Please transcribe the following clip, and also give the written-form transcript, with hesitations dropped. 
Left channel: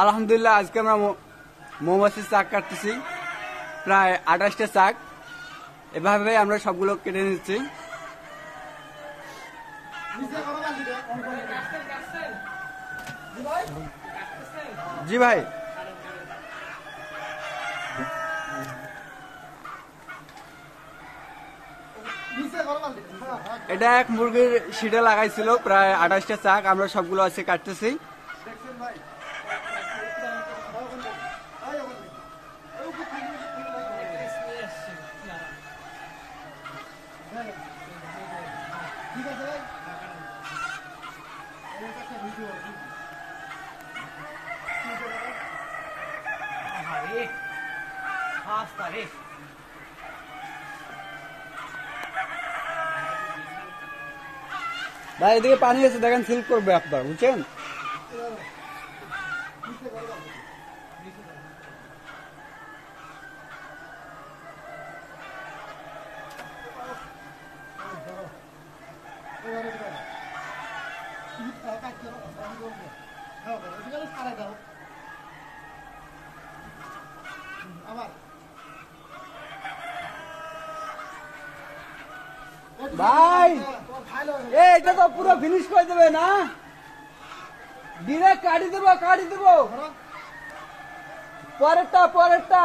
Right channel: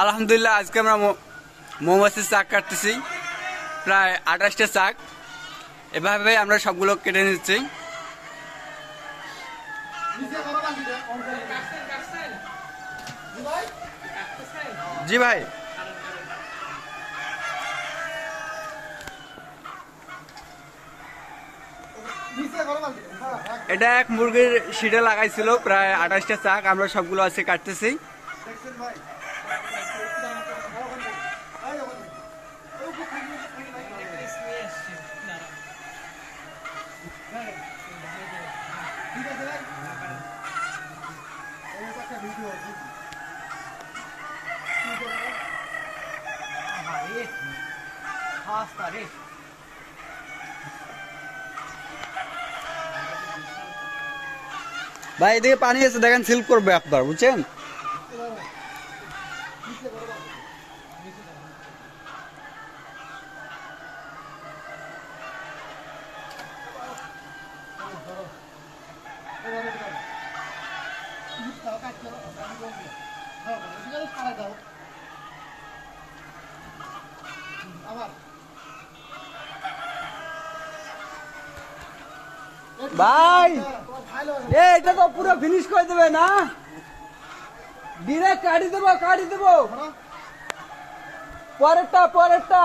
আলহামদুলিল্লাহ আজকে আমরা মৌমাছির চাক কাটতেছি, প্রায় 28টা চাক। এভাবে আমরা সবগুলো কেটে নিচ্ছি। জি ভাই, এটা এক মুরগির শিটে লাগাইছিল, প্রায় 28টা চাক। আমরা সবগুলো আজকে কাটতেছি। ভাই এদিকে পানি আছে, দেখেন সিল্প করবে আপনার, বুঝছেন? ভাই এটা তো পুরো ফিনিশ করে দেবে না, ডিরেক্ট কাটি দেবো পরেরটা।